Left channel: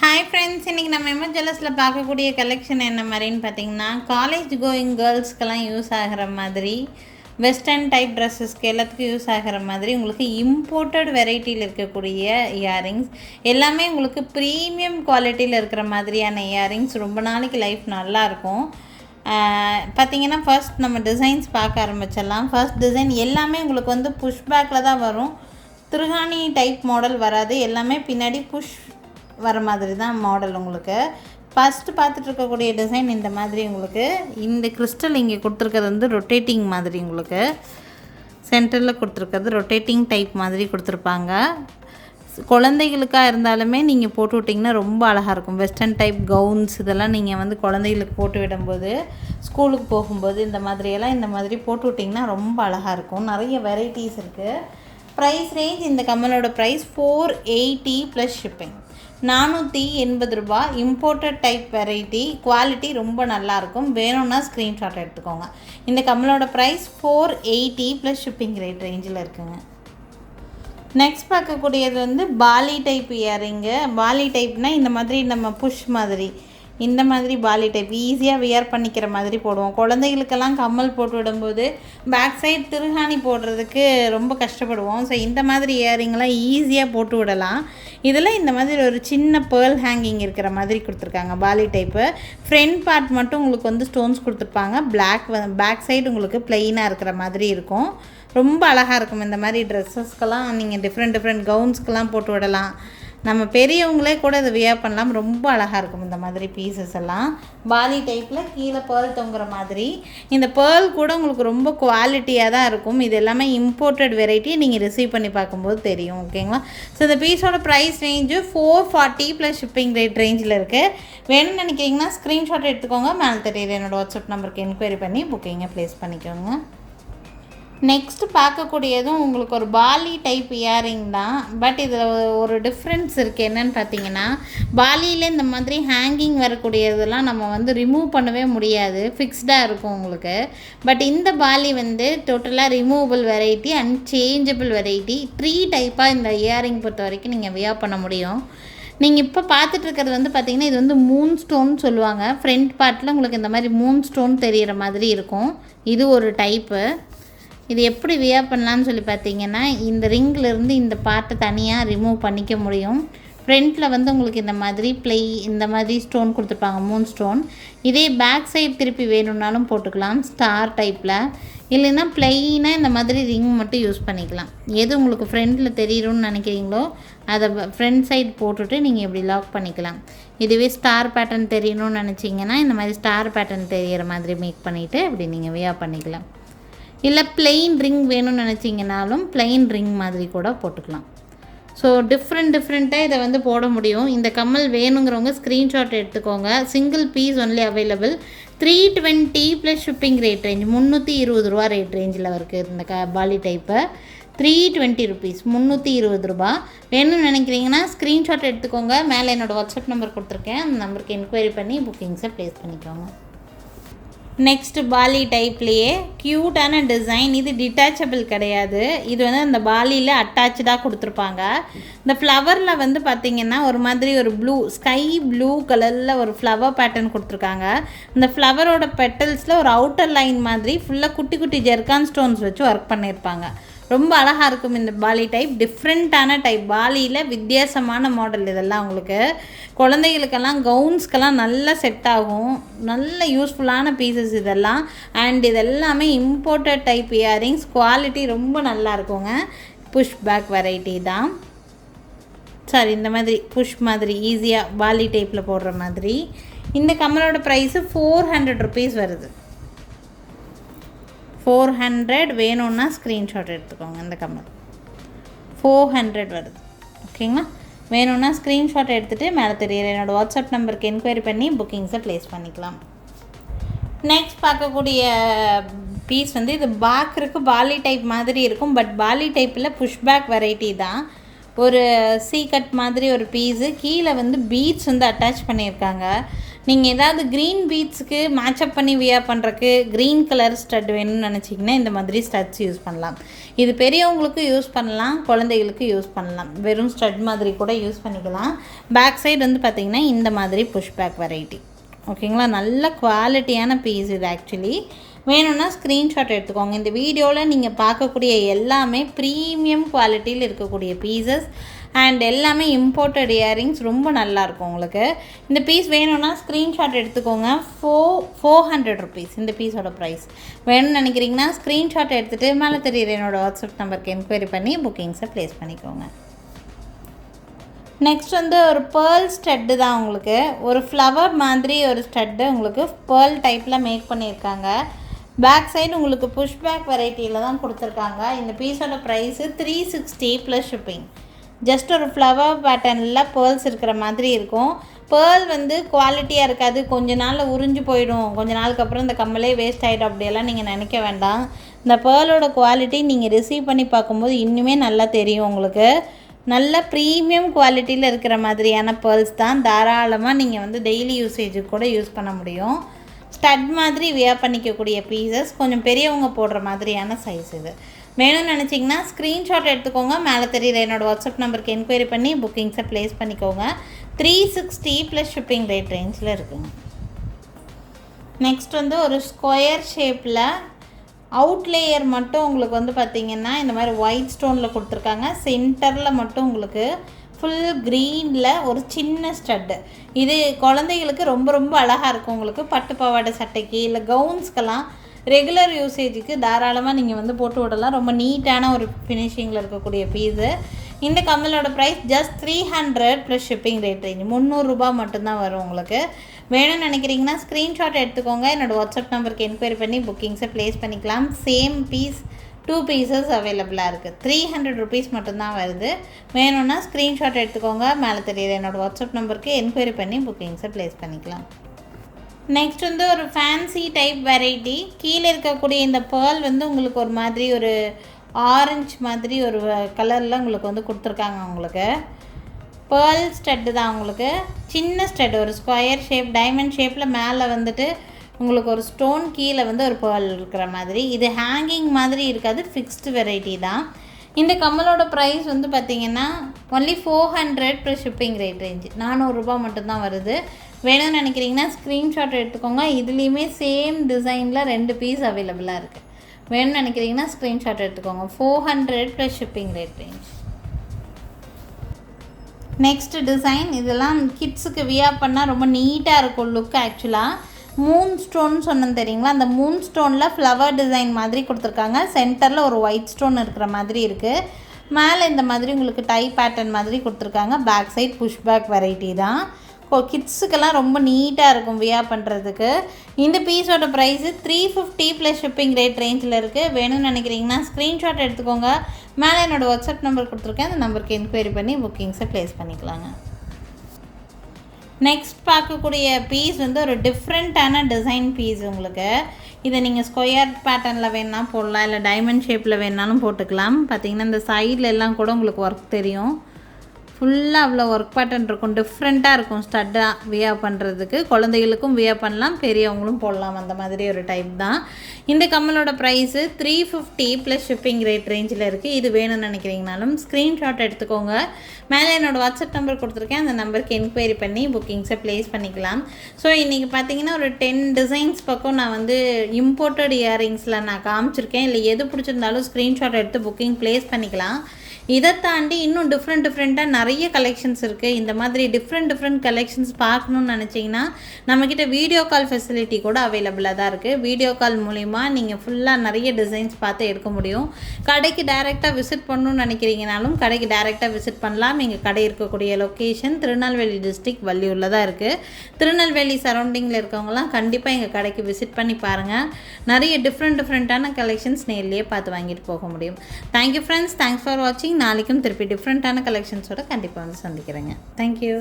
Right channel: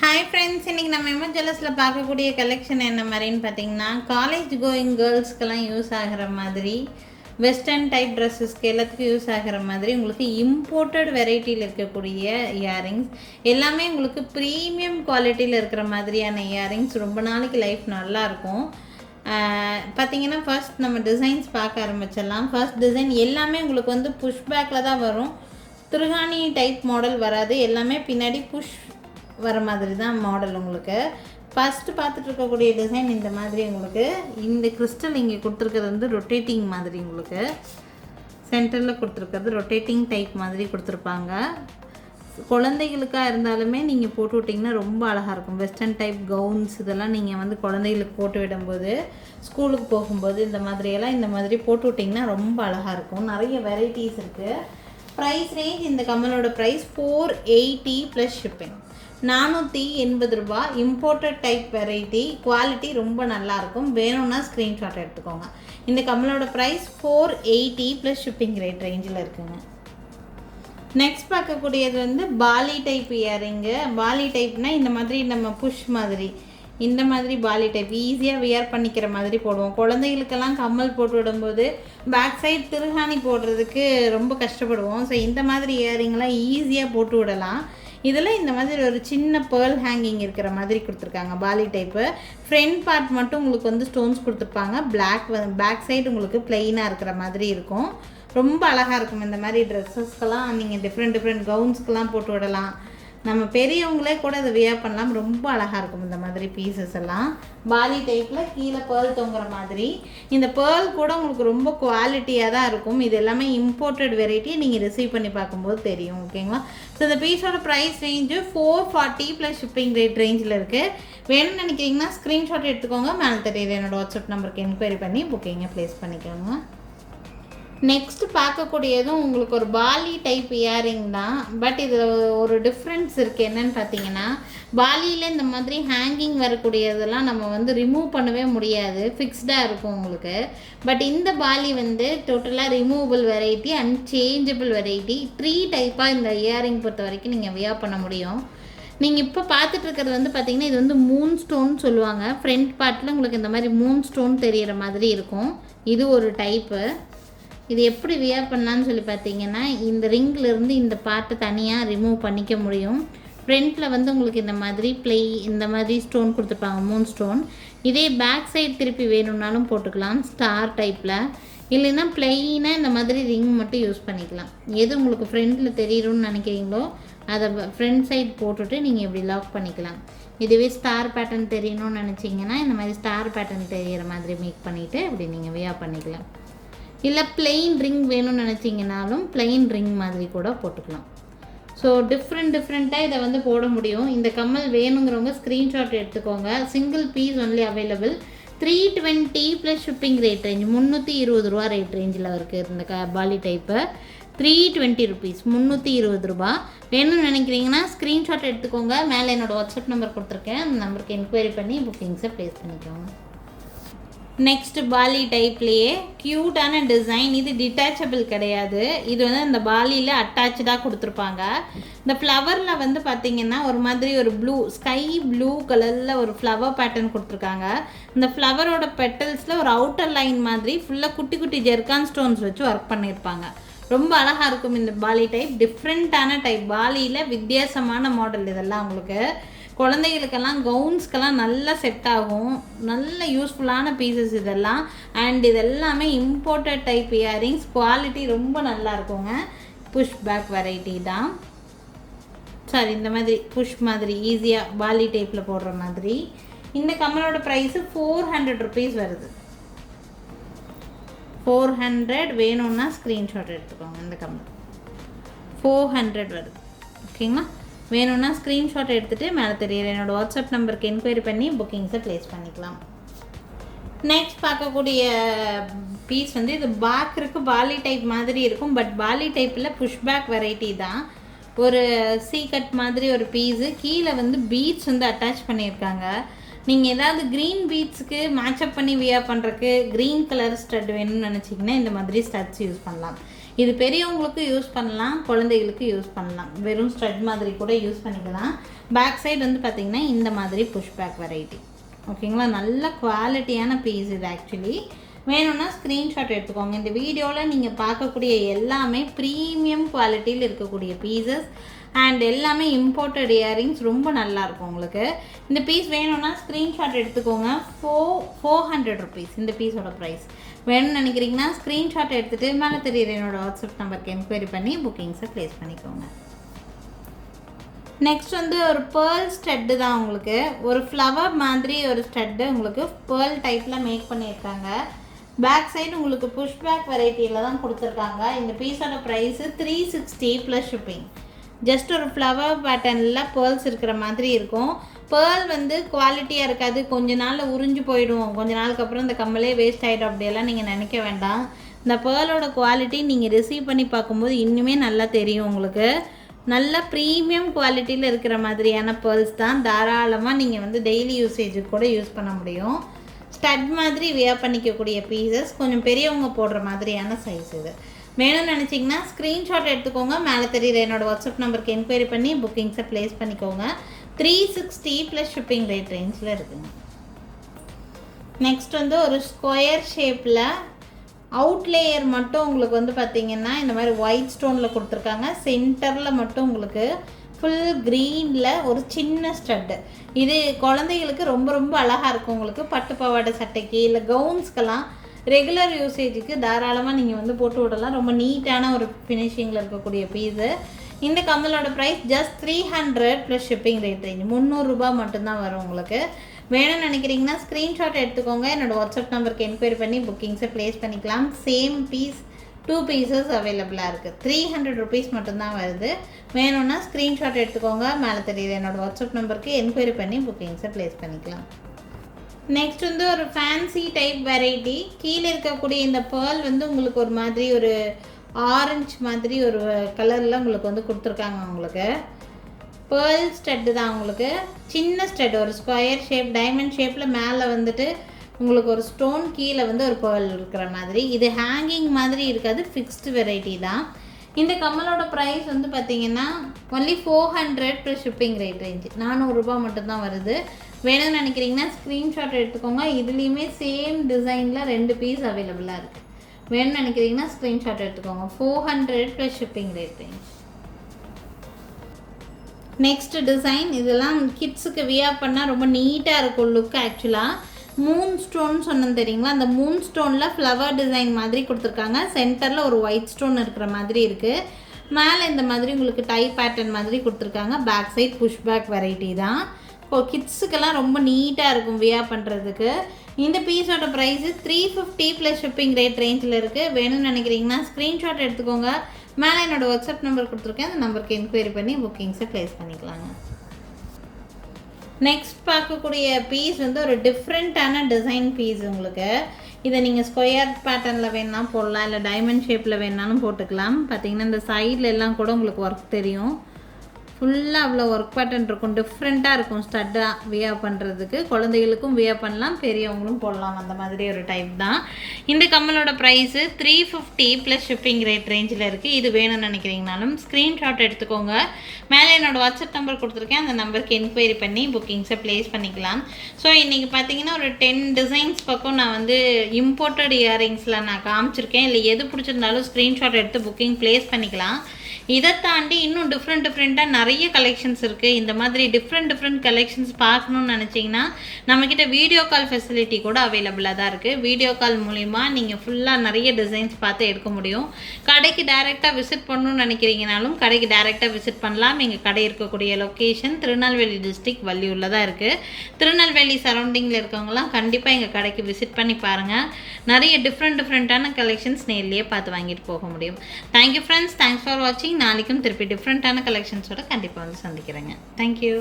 Hi friends, இன்றைக்கி நம்ம image ஜுவல்லர்ஸில் பார்க்கக்கூடிய கலெக்ஷன் என்ன மாதிரின்னு பார்த்தீங்கன்னா, காலேஜ் கோயிங் கேர்ள்ஸ்க்கெல்லாம் யூஸ் ஆகிற மாதிரி வெஸ்டர்ன் டைப் ட்ரெஸ்ஸஸ்க்கு எல்லாத்துக்கும் யூஸ் ஆகிற மாதிரி உங்களுக்கு இம்போர்ட்டட் வெரைட்டியில் இருக்கக்கூடிய இயரிங்ஸ் எல்லாமே உங்களுக்கு ப்ரீமியம் குவாலிட்டியில் இருக்கிற மாதிரியான இயரிங்ஸ் ரொம்ப நாளைக்கு லைஃப் நல்லாயிருக்கும். பார்த்திங்கன்னா ஃபர்ஸ்ட் நம்ம டிசைன்ஸ் பார்க்க ஆரம்பிச்சிடலாம். ஃபர்ஸ்ட் டிசைன் எல்லாமே உங்களுக்கு வந்து புஷ் பேக்கில் தான் வரும். திருகாணி டைப் மாடல் வராது, எல்லாமே பின்னாடி புஷ் வர மாதிரி தான் மாடல். உங்களுக்கு ஃபஸ்ட்டு பார்த்துட்டு இருக்கக்கூடிய டிசைன் இந்த மாதிரி உங்களுக்கு இந்த கிறிஸ்டல் இங்கே கொடுத்துருக்கிறது வந்து ரொட்டேட்டிங் மாதிரி, உங்களுக்கு சென்டரில் கொடுத்துருக்கிறது ரொட்டேட்டிங் டைப் மாதிரி கொடுத்துருப்பாங்க. குழந்தைகளுக்காக இருந்தாலுமே நீங்கள் போட்டு விட்டிங்கன்னா ரொம்ப அழகாக இருக்கும். வெஸ்டர்ன் டைப் கவுன்ஸ் இதெல்லாம் நீங்கள் வந்து குழந்தைகளுக்கு போட்டு விடும்போது, ஸ்கூலுக்கு போகும்போது இந்த மாதிரி போட்டு விட்டிங்கன்னா ரொம்ப அழகாக இருக்கும். நிறைய வெரைட்டிஸ் இருக்குது. ப்ரைஸ் ரேஞ்ச் இந்த கம்மலோட ப்ரைஸ் 480 ப்ளஸ் ஷிப்பிங், 480 ரூபா. இம்போர்ட்டட் டைப் வெரைட்டி, குவாலிட்டி ரொம்ப நல்லாயிருக்கும். வேணும்னா ஸ்க்ரீன்ஷாட் எடுத்துக்கோங்க. இந்த கம்மலோட ப்ரைஸ் 480 ப்ளஸ் ஷிப்பிங் ரேஞ்சில் இருக்குங்க. நெக்ஸ்ட் பார்க்கக்கூடியது வந்து பாலி டைப் இயரிங்கு. பாலி டைப்னால் இந்த மாதிரி நம்ம புஷ் மாதிரி, இந்த மாதிரி பாலி டைப் ஈஸியாக வியர் பண்ணிக்கிற மாதிரி போடுவோம். குழந்தைகளுக்கெல்லாம் கம்மல் போட்டு விடும்போது பேக் சைட் திருகாணி போடுறதுக்கு ரொம்ப கஷ்டப்படுவோம். ஸோ இந்த மாதிரி இயரிங்லாம் ஈஸியாக போட்டு விடலாம். இதில் இந்த மாதிரி ஒரு சின்ன பேர்ல் ஹேங்கிங் இருக்கிற மாதிரி கொடுத்துருக்காங்க. பாலி டைப்பு ஃப்ரண்ட் பார்ட் மட்டும் உங்களுக்கு வந்து ஸ்டோன்ஸ் கொடுத்துருப்பாங்க. பேக் சைடு உங்களுக்கு ப்ளெயினாக இருக்கிற மாதிரி இருக்கும். ரொம்ப அழகாக இருக்கும். இந்த மாதிரி ட்ரெஸ்ஸஸ்க்கெல்லாம் நீங்கள் டிஃப்ரெண்ட் கவுன்ஸ்க்கெல்லாம் போட்டு விடலாம். நம்ம பெரியவங்களே கூட இதை வியர் பண்ணலாம். ரொம்ப அழகாக இருக்கும் இந்த மாதிரி பீசஸ் எல்லாம். பாலி டைப்பில் கீழே பேர்ல் தொங்குற மாதிரி. இந்த பேர்ல் கூட உங்களுக்கு ரொம்ப குவாலிட்டியாக தான் இருக்கும். இது எல்லாமே இம்போர்ட்டட் வெரைட்டி, நீங்கள் ரிசீவ் பண்ணி பார்க்கும்போது தெரியும். ஓகேங்களா? ஸோ இந்த பீஸோட ப்ரைஸ் ரேஞ்சு 440 ப்ளஸ் ஷிப்பிங் ரேஞ்சில் இருக்குது. வேணும்னு நினைக்கிறீங்கன்னா ஸ்க்ரீன்ஷாட் எடுத்துக்கோங்க. மேலே தெரியுது என்னோடய வாட்ஸ்அப் நம்பருக்கு என்கொயரி பண்ணி புக்கிங்கை ப்ளேஸ் பண்ணிக்கோங்க. நெக்ஸ்ட்டு பார்க்கக்கூடியதும் உங்களுக்கு ஒரு பாலி டைப் இயரிங் தான். பட் இதில் ஒரு டிஃப்ரென்ஸ் இருக்குது. என்னென்னு பார்த்தீங்கன்னா, பாலியில் இந்த மாதிரி ஹேங்கிங் வரக்கூடியதெல்லாம் நம்ம வந்து ரிமூவ் பண்ணவே முடியாது, ஃபிக்ஸ்டாக இருக்கும் உங்களுக்கு. பட் இந்த பாலி வந்து டோட்டலாக ரிமூவபிள் வெரைட்டி, அன்சேஞ்சபிள் வெரைட்டி. 3 டைப்பாக இந்த இயரிங் பொறுத்த வரைக்கும் நீங்கள் வியர் பண்ண முடியும். நீங்கள் இப்போ பார்த்துட்டு இருக்கிறது வந்து பார்த்திங்கன்னா, இது வந்து மூன் ஸ்டோன் சொல்லுவாங்க. ஃப்ரண்ட் பார்ட்டில் உங்களுக்கு இந்த மாதிரி மூன் ஸ்டோன் தெரிகிற மாதிரி இருக்கும். இது ஒரு டைப்பு. இது எப்படி வியர் பண்ணலான்னு சொல்லி பார்த்தீங்கன்னா, இந்த ரிங்கிலேருந்து இந்த பார்ட்டை தனியாக ரிமூவ் பண்ணிக்க முடியும். ஃப்ரண்ட்டில் வந்து உங்களுக்கு இந்த மாதிரி ஸ்டோன் கொடுத்துருப்பாங்க, மூன் ஸ்டோன். இதே பேக் சைடு திருப்பி வேணும்னாலும் போட்டுக்கலாம், ஸ்டார் டைப்பில். இல்லைன்னா ப்ளெயினாக இந்த மாதிரி ரிங் மட்டும் யூஸ் பண்ணிக்கலாம். எது உங்களுக்கு ஃப்ரண்ட்டில் தெரியும்னு நினைக்கிறீங்களோ அதை ஃப்ரண்ட் சைடு போட்டுட்டு நீங்கள் இப்படி லாக் பண்ணிக்கலாம். இதுவே ஸ்டார் பேட்டர்ன் தெரியணும்னு நினச்சிங்கன்னா இந்த மாதிரி ஸ்டார் பேட்டர்ன் தெரிகிற மாதிரி மேக் பண்ணிவிட்டு இப்படி நீங்கள் வியர் பண்ணிக்கலாம். இல்லை பிளெயின் ரிங் வேணும்னு நினச்சிங்கனாலும் பிளெயின் ரிங் மாதிரி கூட போட்டுக்கலாம். ஸோ டிஃப்ரெண்ட்டாக இதை வந்து போட முடியும். இந்த கம்மல் வேணுங்கிறவங்க ஸ்க்ரீன்ஷாட் எடுத்துக்கோங்க. Single piece only available. 320 plus shipping rate range, 320 ரூபா ரேட் ரேஞ்சில் இருக்குது இந்த பாலி டைப்பை. 320 ருபீஸ், 320 ரூபா. வேணும்னு நினைக்கிறீங்கன்னா ஸ்க்ரீன்ஷாட் எடுத்துக்கோங்க. மேலே என்னோடய வாட்ஸ்அப் நம்பர் கொடுத்துருக்கேன். அந்த நம்பருக்கு என்கொயரி பண்ணி புக்கிங்ஸை ப்ளேஸ் பண்ணிக்கோங்க. நெக்ஸ்ட்டு பாலி டைப்லேயே க்யூட்டான டிசைன். இது டிட்டாச்சபிள் கிடையாது. இது வந்து அந்த பாலியில் அட்டாச்சாக கொடுத்துருப்பாங்க. இந்த ஃப்ளவரில் வந்து பார்த்திங்கன்னா ஒரு மாதிரி ஒரு ஸ்கை ப்ளூ கலரில் ஒரு ஃப்ளவர் பேட்டர்ன் கொடுத்துருக்காங்க. இந்த ஃப்ளவரோட பெட்டல்ஸில் ஒரு அவுட்டர் லைன் மாதிரி ஃபுல்லாக குட்டி ஜெர்கான் ஸ்டோன்ஸ் வச்சு ஒர்க் பண்ணியிருப்பாங்க. ரொம்ப அழகாக இருக்கும் இந்த பாலி டைப். டிஃப்ரெண்ட்டான டைப், பாலியில் வித்தியாசமான மாடல். இதெல்லாம் உங்களுக்கு குழந்தைகளுக்கெல்லாம் கவுன்ஸ்க்கெல்லாம் நல்லா செட் ஆகும். நல்ல யூஸ்ஃபுல்லான பீசஸ் இதெல்லாம். அண்ட் இதெல்லாமே இம்போர்ட்டட் டைப் இயரிங்ஸ். குவாலிட்டி ரொம்ப நல்லா இருக்குங்க. புஷ் பேக் வெரைட்டி தான். சாரி, இந்த மாதிரி புஷ் மாதிரி ஈஸியாக பாலி டைப்பில் போடுற மாதிரி. இந்த கம்மலோட ப்ரைஸு 400 ருபீஸ் வருது. 400 வேணும்னா ஸ்க்ரீன்ஷாட் எடுத்துக்கோங்க. இந்த கம்மல் 400 வருது. ஓகேங்களா? வேணும்னா ஸ்க்ரீன்ஷாட் எடுத்துகிட்டு மேலே தெரியுற என்னோடய வாட்ஸ்அப் நம்பருக்கு என்கொயரி பண்ணி புக்கிங்ஸை ப்ளேஸ் பண்ணிக்கலாம். நெக்ஸ்ட் பார்க்கக்கூடிய பீஸ் வந்து இது பார்க்குறதுக்கு பாலி டைப் மாதிரி இருக்கும். பட் பாலி டைப்பில் புஷ்பேக் வெரைட்டி தான். ஒரு கட் மாதிரி ஒரு பீஸு. கீழே வந்து பீட்ஸ் வந்து அட்டாச் பண்ணியிருக்காங்க. நீங்கள் ஏதாவது க்ரீன் பீட்ஸுக்கு மேட்சப் பண்ணி வியர் பண்ணுறக்கு க்ரீன் கலர் ஸ்டட் வேணும்னு நினச்சிங்கன்னா இந்த மாதிரி ஸ்டட்ஸ் யூஸ் பண்ணலாம். இது பெரியவங்களுக்கு யூஸ் பண்ணலாம், குழந்தைகளுக்கு யூஸ் பண்ணலாம். வெறும் ஸ்டட் மாதிரி கூட யூஸ் பண்ணிக்கலாம். பேக் சைடு வந்து பார்த்திங்கன்னா இந்த மாதிரி புஷ் பேக் வெரைட்டி. ஓகேங்களா, நல்ல குவாலிட்டியான பீஸ் இது. ஆக்சுவலி வேணும்னா ஸ்க்ரீன்ஷாட் எடுத்துக்கோங்க. இந்த வீடியோவில் நீங்கள் பார்க்கக்கூடிய எல்லாமே ப்ரீமியம் குவாலிட்டியில் இருக்கக்கூடிய பீசஸ் அண்ட் எல்லாமே இம்போர்ட்டட் இயரிங்ஸ். ரொம்ப நல்லாயிருக்கும் உங்களுக்கு. இந்த பீஸ் வேணும்னா ஸ்க்ரீன்ஷாட் எடுத்துக்கோங்க. 400 rupees இந்த பீஸோட ப்ரைஸ். வேணும்னு நினைக்கிறீங்கன்னா ஸ்க்ரீன்ஷாட் எடுத்துகிட்டு மேலே தெரியுற என்னோடய வாட்ஸ்அப் நம்பருக்கு என்கொயரி பண்ணி புக்கிங்ஸை ப்ளேஸ் பண்ணிக்கோங்க. நெக்ஸ்ட் வந்து ஒரு பேர்ல் ஸ்டட்டு தான் உங்களுக்கு. ஒரு ஃப்ளவர் மாதிரி ஒரு ஸ்டட்டு உங்களுக்கு பேர்ல் டைப்பில் மேக் பண்ணியிருக்காங்க. பேக் சைடு உங்களுக்கு புஷ் பேக் வெரைட்டியில் தான் கொடுத்துருக்காங்க. இந்த பீஸோட ப்ரைஸு 360 ப்ளஸ் ஷிப்பிங். ஜஸ்ட் ஒரு ஃப்ளவர் பேட்டர்னில் பேர்ல்ஸ் இருக்கிற மாதிரி இருக்கும். பேர்ல் வந்து குவாலிட்டியாக இருக்காது, கொஞ்ச நாளில் உறிஞ்சு போயிடும், கொஞ்ச நாளுக்கு அப்புறம் இந்த கம்மலே வேஸ்ட் ஆகிடும் அப்படியெல்லாம் நீங்கள் நினைக்க வேண்டாம். இந்த பேர்லோட குவாலிட்டி நீங்கள் ரிசீவ் பண்ணி பார்க்கும்போது இன்னுமே நல்லா தெரியும் உங்களுக்கு. நல்ல ப்ரீமியம் குவாலிட்டியில் இருக்கிற மாதிரியான பேர்ல்ஸ் தான். தாராளமாக நீங்கள் வந்து டெய்லி யூசேஜுக்கு கூட யூஸ் பண்ண முடியும். ஸ்டட் மாதிரி வியர் பண்ணிக்கக்கூடிய பீசஸ், கொஞ்சம் பெரியவங்க போடுற மாதிரியான சைஸ் இது. வேணும்னு நினச்சிங்கன்னா ஸ்க்ரீன்ஷாட் எடுத்துக்கோங்க. மேலே தெரியுற என்னோடய வாட்ஸ்அப் நம்பருக்கு என்கொயரி பண்ணி புக்கிங்ஸை ப்ளேஸ் பண்ணிக்கோங்க. 360 ப்ளஸ் ஷிப்பிங் ரேட் ரேஞ்சில் இருக்குங்க. நெக்ஸ்ட் வந்து ஒரு ஸ்கொயர் ஷேப்பில் அவுட்லேயர் மட்டும் உங்களுக்கு வந்து பார்த்திங்கன்னா இந்த மாதிரி ஒயிட் ஸ்டோனில் கொடுத்துருக்காங்க. சென்டரில் மட்டும் உங்களுக்கு ஃபுல் க்ரீனில் ஒரு சின்ன ஸ்டட்டு. இது குழந்தைகளுக்கு ரொம்ப ரொம்ப அழகாக இருக்கும். உங்களுக்கு பட்டு பாவாடை சட்டைக்கு இல்லை கவுன்ஸ்க்கெல்லாம் ரெகுலர் யூசேஜுக்கு தாராளமாக நீங்கள் வந்து போட்டு விடலாம். ரொம்ப நீட்டான ஒரு ஃபினிஷிங்கில் இருக்கக்கூடிய பீஸு. இந்த கம்மலோட price just 300 plus shipping rate range. 300 ரூபாய் மட்டும்தான் வரும் உங்களுக்கு. வேணும்னு நினைக்கிறீங்கன்னா ஸ்க்ரீன்ஷாட் எடுத்துக்கோங்க. என்னோடய வாட்ஸ்அப் நம்பருக்கு என்கொயரி பண்ணி புக்கிங்ஸை ப்ளேஸ் பண்ணிக்கலாம். சேம் பீஸ் 2 பீசஸ் அவைலபிளாக இருக்குது. 300 rupees மட்டும்தான் வருது. வேணும்னா ஸ்க்ரீன்ஷாட் எடுத்துக்கோங்க. மேலே தெரியுது என்னோடய வாட்ஸ்அப் நம்பருக்கு என்கொயரி பண்ணி புக்கிங்ஸை ப்ளேஸ் பண்ணிக்கலாம். நெக்ஸ்ட் வந்து ஒரு ஃபேன்சி டைப் வெரைட்டி. கீழே இருக்கக்கூடிய இந்த பேர்ல் வந்து உங்களுக்கு ஒரு மாதிரி ஒரு ஆரஞ்சு மாதிரி ஒரு கலரில் உங்களுக்கு வந்து கொடுத்துருக்காங்க. உங்களுக்கு பேர்ல் ஸ்டட்டு தான். உங்களுக்கு சின்ன ஸ்டட், ஒரு ஸ்கொயர் ஷேப் டைமண்ட் ஷேப்பில் மேலே வந்துட்டு உங்களுக்கு ஒரு ஸ்டோன், கீழே வந்து ஒரு பேர்ல் இருக்கிற மாதிரி. இது ஹேங்கிங் மாதிரி இருக்காது, ஃபிக்ஸ்டு வெரைட்டி தான். இந்த கம்மலோட ப்ரைஸ் வந்து பார்த்திங்கன்னா only 400 plus shipping rate range. 400 ரூபாய் மட்டும்தான் வருது. வேணும்னு நினைக்கிறீங்கன்னா ஸ்க்ரீன்ஷாட் எடுத்துக்கோங்க. இதுலேயுமே சேம் டிசைனில் 2 பீஸ் அவைலபிளாக இருக்குது. வேணும்னு நினைக்கிறீங்கன்னா ஸ்க்ரீன்ஷாட் எடுத்துக்கோங்க. 400 plus shipping rate range. Next design, இதெல்லாம் கிட்ஸுக்கு வியர் பண்ணால் ரொம்ப நீட்டாக இருக்கும் லுக். ஆக்சுவலாக மூன் ஸ்டோன் சொன்னேன் தெரியுங்களா, அந்த மூன் ஸ்டோனில் ஃப்ளவர் டிசைன் மாதிரி கொடுத்துருக்காங்க. சென்டரில் ஒரு ஒயிட் ஸ்டோன் இருக்கிற மாதிரி இருக்குது. மேலே இந்த மாதிரி உங்களுக்கு டை பேட்டர்ன் மாதிரி கொடுத்துருக்காங்க. Back side push back variety தான். இப்போ கிட்ஸுக்கெல்லாம் ரொம்ப நீட்டாக இருக்கும் வியர் பண்ணுறதுக்கு. இந்த பீஸோட ப்ரைஸு 350 ப்ளஸ் ஷிப்பிங் ரேட் ரேஞ்சில் இருக்குது. வேணும்னு நினைக்கிறீங்கன்னா ஸ்க்ரீன்ஷாட் எடுத்துக்கோங்க. மேலே என்னோடய வாட்ஸ்அப் நம்பர் கொடுத்துருக்கேன். அந்த நம்பருக்கு என்கொயரி பண்ணி புக்கிங்ஸை ப்ளேஸ் பண்ணிக்கலாங்க. நெக்ஸ்ட் பார்க்கக்கூடிய பீஸ் வந்து ஒரு டிஃப்ரெண்ட்டான டிசைன் பீஸ் உங்களுக்கு. இதை நீங்கள் ஸ்கொயர் பேட்டர்னில் வேணா போடலாம், இல்லை டைமண்ட் ஷேப்பில் வேணாலும் போட்டுக்கலாம். பார்த்தீங்கன்னா இந்த சைடில் எல்லாம் கூட உங்களுக்கு ஒர்க் தெரியும். ஃபுல்லாக அவ்வளோ ஒர்க் பேட்டர்ன் இருக்கும். டிஃப்ரெண்ட்டாக இருக்கும். ஸ்டட்டாக வியர் பண்ணுறதுக்கு குழந்தைகளுக்கும் வியர் பண்ணலாம், பெரியவங்களும் போடலாம். அந்த மாதிரி ஒரு டைப் தான். இந்த கம்மலோட ப்ரைஸு 350 ப்ளஸ் ஷிப்பிங் ரேட் ரேஞ்சில் இருக்குது. இது வேணும்னு நினைக்கிறீங்கனாலும் ஸ்க்ரீன்ஷாட் எடுத்துக்கோங்க. மேலே என்னோடய வாட்ஸ்அப் நம்பர் கொடுத்துருக்கேன். அந்த நம்பருக்கு என்கொயரி பண்ணி புக்கிங்ஸை ப்ளேஸ் பண்ணிக்கலாம். ஸோ இன்றைக்கி பார்த்தீங்கன்னா ஒரு 10 டிசைன்ஸ் பக்கம் நான் வந்து இம்போர்ட்டட் இயரிங்ஸில் நான் காமிச்சிருக்கேன். இல்லை எது பிடிச்சிருந்தாலும் ஸ்க்ரீன்ஷாட் எடுத்து புக்கிங் ப்ளேஸ் பண்ணிக்கலாம். இதை தாண்டி இன்னும் டிஃப்ரெண்ட்டாக நிறைய கலெக்ஷன்ஸ் இருக்குது. இந்த மாதிரி டிஃப்ரெண்ட் கலெக்ஷன்ஸ் பார்க்கணுன்னு நினச்சிங்கன்னா நம்மக்கிட்ட வீடியோ கால் ஃபெசிலிட்டி கூட அவைலபிளாக தான் இருக்குது. வீடியோ கால் மூலிமா நீங்கள் ஃபுல்லாக நிறைய டிசைன்ஸ் பார்த்து எடுக்க முடியும். கடைக்கு டைரெக்டாக விசிட் பண்ணணும்னு நினைக்கிறீங்கனாலும் கடைக்கு டைரெக்டாக விசிட் பண்ணலாம். எங்கள் கடை இருக்கக்கூடிய லொக்கேஷன் திருநெல்வேலி டிஸ்ட்ரிக்ட் வள்ளியூரில் தான் இருக்குது. திருநெல்வேலி சரௌண்டிங்கில் இருக்கவங்களாம் கண்டிப்பாக எங்கள் கடைக்கு விசிட் பண்ணி பாருங்கள். நிறைய டிஃப்ரெண்ட்டான கலெக்ஷன்ஸ் நேர்லேயே பார்த்து வாங்கிட்டு போக முடியும். தேங்க்யூ ஃப்ரெண்ட்ஸ், தேங்க்ஸ் ஃபார் வாட்சிங். நாளைக்கும் திருப்பி டிஃப்ரெண்ட்டான கலெக்ஷன்ஸோட கண்டிப்பாக வந்து சந்திக்கிறேங்க. தேங்க்யூ.